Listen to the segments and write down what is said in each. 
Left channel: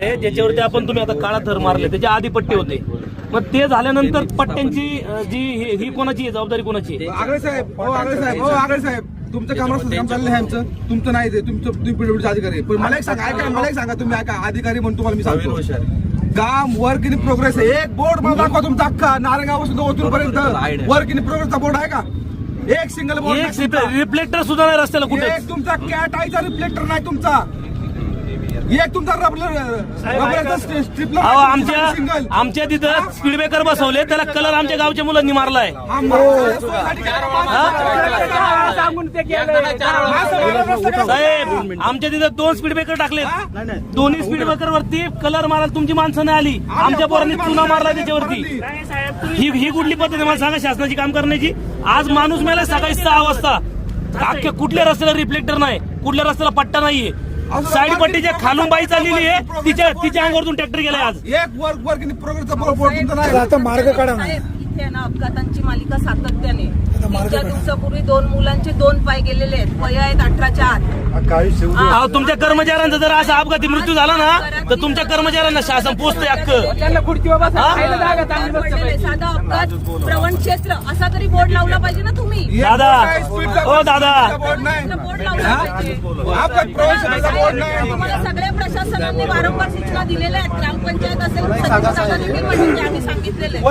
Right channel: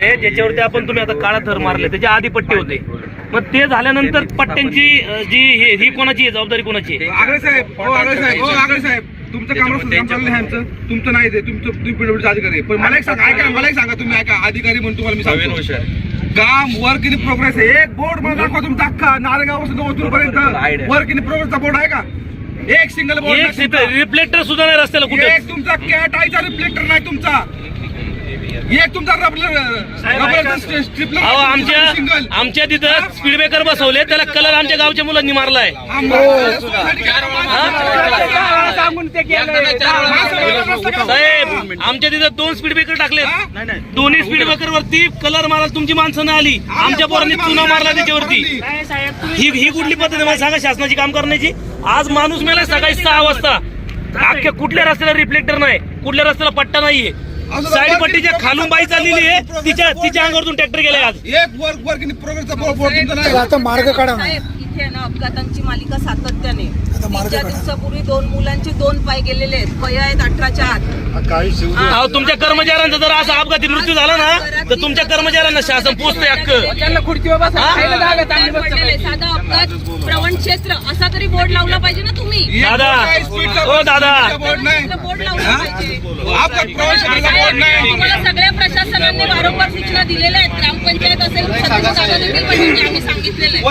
ज्याच्यावरती आपण तुम्ही आता काळा थर मारले त्याच्या आधी पट्टे होते, मग ते झाल्यानंतर पट्ट्यांची जी ही कोणाची आहे, जबाबदारी कोणाची आहे? आगळे साहेब, आगळे साहेब, तुमचं काम चाललं आहे, तुमचं नाही ते, तुम्ही पीडब्ल्यूडीचे अधिकारी आहे. पण मला एक सांगा, ऐका, मला एक सांगा, तुम्ही ऐका, अधिकारी म्हणून तुम्हाला मी सांगतो, काम वर्क इन प्रोग्रेस आहे. एक बोर्ड मला दाखवा तुमचा अख्खा नारायणगाव पासून ओतूर पर्यंत वर्क इन प्रोग्रेसचा बोर्ड आहे का? एक सिंगल बोर्ड, रिफ्लेक्टर सुद्धा नाही रस्त्याला कुठे. एक तुमचा कॅट आयचा रिफ्लेक्टर नाही तुमचा, एक तुमचा स्ट्रिपलर आमच्या तिथं स्पीड ब्रेकर बसवले, त्याला कलर आमच्या गावच्या मुलांनी मारलाय. साहेब आमच्या तिथं 2 स्पीड ब्रेकर टाकले, दोन्ही स्पीड ब्रेकर वरती कलर मारायला तुमची माणसं नाही आली, आमच्या पोरांनी चुना मारला त्याच्यावरती. ही कुठली पद्धत आहे मला सांगा शासनाची काम करण्याची? आज माणूस मला सकाळी 6 वाजता अख्ख्या कुठल्या रस्त्याला रिफ्लेक्टर नाही, कुठल्या रस्त्याला पट्टा नाहीये, साईडपट्टीच्या खालून बाई चाललेली आहे, तिच्या अंगावरतून ट्रॅक्टर गेला. आज एक वर्क इन प्रोग्रेसचा बोर्ड तुमचा नाही. आता मार्ग काढा ना. इथे ना अपघातांची मालिका सातत्याने. 3 दिवसापूर्वी 2 मुलांचे 2 पाय गेलेले आहेत, वय आहेत 18च्या आत. तुमच्या कर्मचाऱ्यांचा जर असा अपघाती मृत्यू झाला ना तर तुमच्या कर्मचाऱ्यांना शासन पोचते अख्खं. साधा अपघात प्रवण क्षेत्र असा तरी बोर्ड लावला पाहिजे ना तुम्ही. दादा हो दादा, बोर्ड लावला पाहिजे. तुम्हाला सगळ्या प्रशासनाने वारंवार सूचना दिलेल्या आहेत, ग्रामपंचायत असेल, आम्ही सांगितलेलं आहे.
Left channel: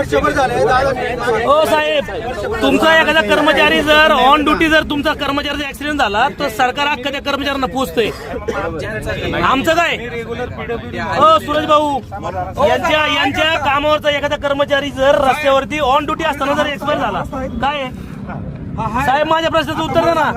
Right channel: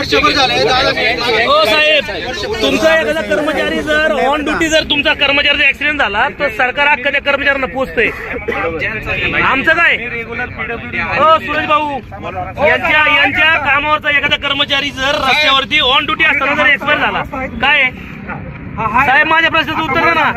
हो साहेब, तुमचा एखादा कर्मचारी जर ऑन ड्युटी जर तुमचा कर्मचारीचा ऍक्सिडेंट झाला तर सरकार अख्खा त्या कर्मचाऱ्यांना पोचतंय. आमचं काय हो सुरेश भाऊ, यांच्या कामावरचा एखादा कर्मचारी जर रस्त्यावरती ऑन ड्युटी असताना जर एक्सपायर झाला, काय साहेब माझ्या प्रश्नाचं उत्तर द्या ना.